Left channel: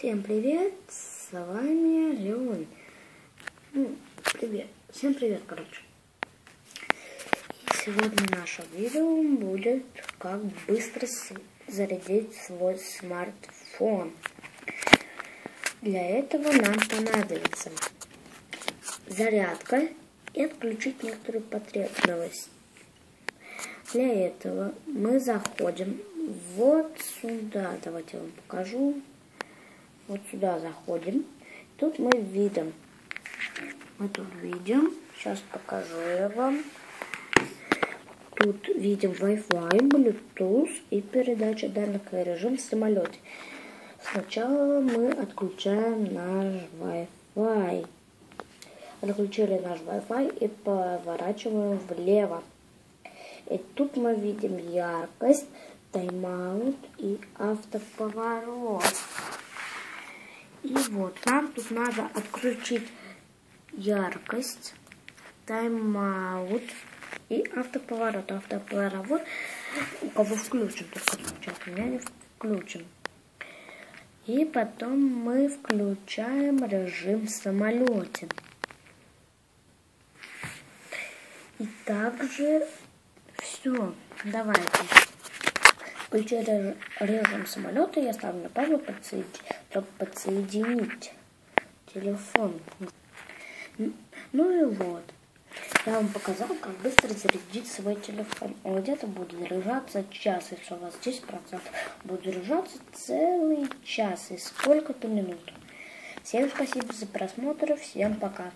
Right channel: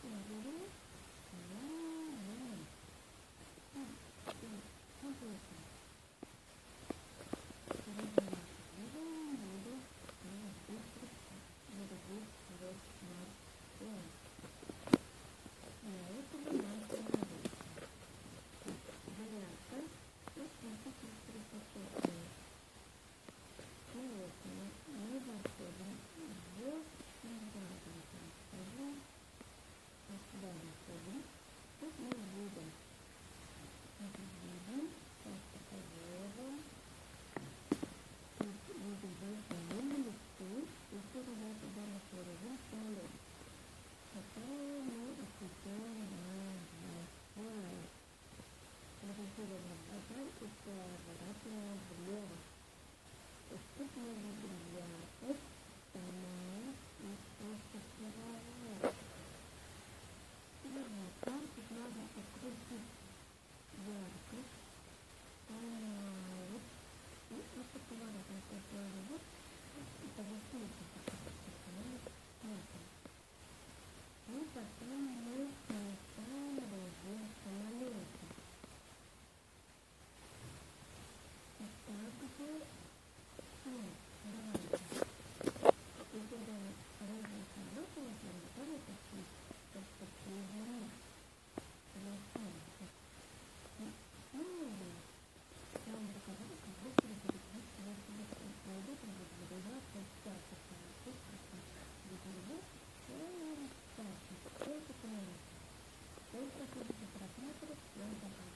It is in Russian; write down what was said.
Всем привет, с вами Леон. Привет, всем привет, короче. И сегодня наше видео будет, как быстро зарядить свой смартфон. Для этого нам понадобится зарядка и отключить некоторую потребность. Для этого мы заходим вот сюда, давайте я вам покажу. Вот сюда заходим. Тут мы видим, сейчас покажу я вам. Тут видим Wi-Fi, Bluetooth и передача данных и режим в самолете. Сначала мы отключаем наш Wi-Fi. Отключили наш Wi-Fi и поворачиваем влево. И тут мы видим яркость, тайм-аут и автоповорот. И вот, нам тут надо отключить яркость, тайм-аут и автоповорот. Автоповорот у кого включен, только сейчас у меня не включен. И потом мы включаем режим в самолете. И также все. Давайте. Включили режим самолета, я ставлю на паузу, чтобы подсоединить телефон. Ну и вот. Я вам показал, как быстро зарядить свой телефон. Он где-то будет заряжаться час, если у вас 10%. Будет заряжаться целый час и сколько-то минут. Всем спасибо за просмотр, всем пока.